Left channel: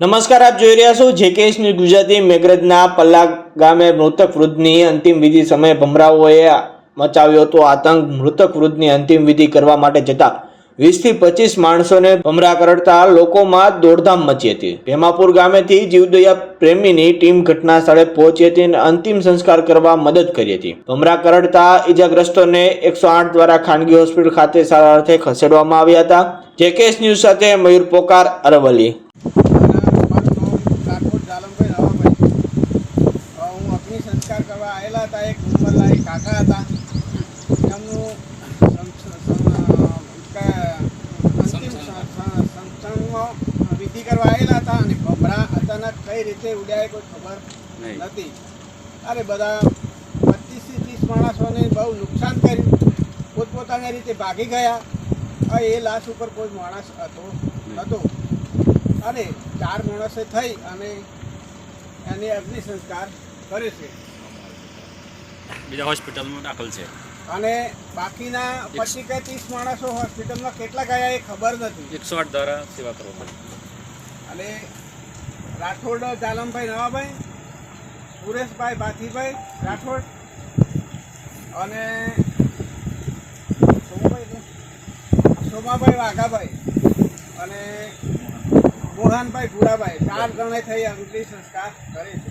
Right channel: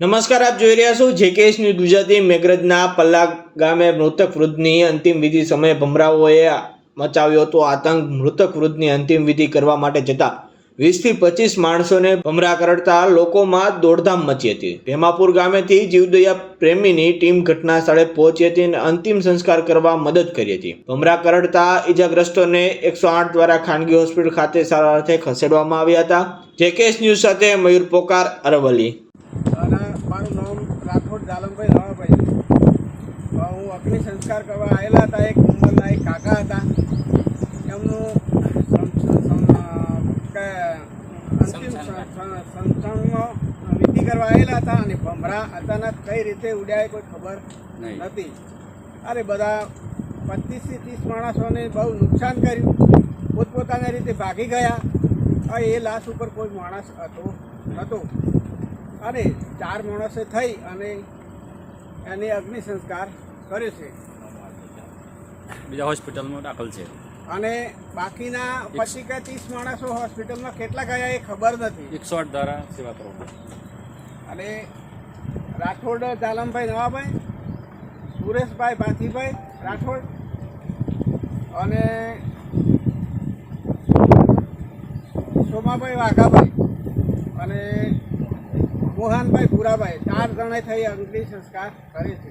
નમસ્કાર, આપ જોઈ રહ્યા છો જેકેએસ ન્યૂઝ ગુજરાતી। મેઘરજના પલ્લા ગામે મૃતક વૃદ્ધની અંતિમ વિધિ સમયે ભમરાઓએ મચાવ્યો હતો આતંક। મૃતક વૃદ્ધની અંતિમ વિધિ કરવા માટે જતા 20 થી 25 માણસોને ભમરા કરડતા લોકોમાં દોડધામ મચી હતી। ભેમાપુર ગામેથી જીવદયા પ્રેમીની ટીમ ઘટના સ્થળે પહોંચી હતી અને અંતિમ સંસ્કાર કરવા મદદ કરી હતી। ભમરા કરડતા ઈજાગ્રસ્તોને 108 દ્વારા ખાનગી હોસ્પિટલ ખાતે સારવાર અર્થે ખસેડવામાં આવ્યા હતા। જેકેએસ ન્યૂઝ સાથે મયુર પોકાર, અરવલ્લી। મારું નામ રાઠોડ જાલમભાઈ રાવાભાઈ। હું અગ્નિ સંસ્કાર કરવા આવેલા હતા। એક ઉંમરના એક કાકા હતા, એમનું અંતિમ સંસ્કારમાં વિધિ કરવા આવેલા હતા અને ભમરા અચાનક કઈ રીતે ઉડ્યા એ કોઈ ખબર નથી। અરે બધા 25 થી 30 માણસોને બહુ નુકસાન કર્યું, પોતપોતાની રીતે ભાગી ગયા। એ લાશ ઉપર કોઈ માણસ નહોતો અને 4 માણસે થઈ અને એને અગ્નિ સંસ્કાર કરે છે। બીજા હોસ્પિટલમાં દાખલ છે અને બાકીના 25 કે 30 માણસો હોસ્પિટલમાં કેટલા ગયા એ ખબર નથી। 108 દ્વારા સેવા કરો અને રાઠોડ જાલમભાઈ નવાભાઈ, સુરેશભાઈ ભાથીભાઈ રાઠોડ અને સોમાભાઈ વાઘાભાઈ અને મોહનભાઈ ભુરાભાઈ 4 જણે થઈ અગ્નિ સંસ્કાર કરે છે।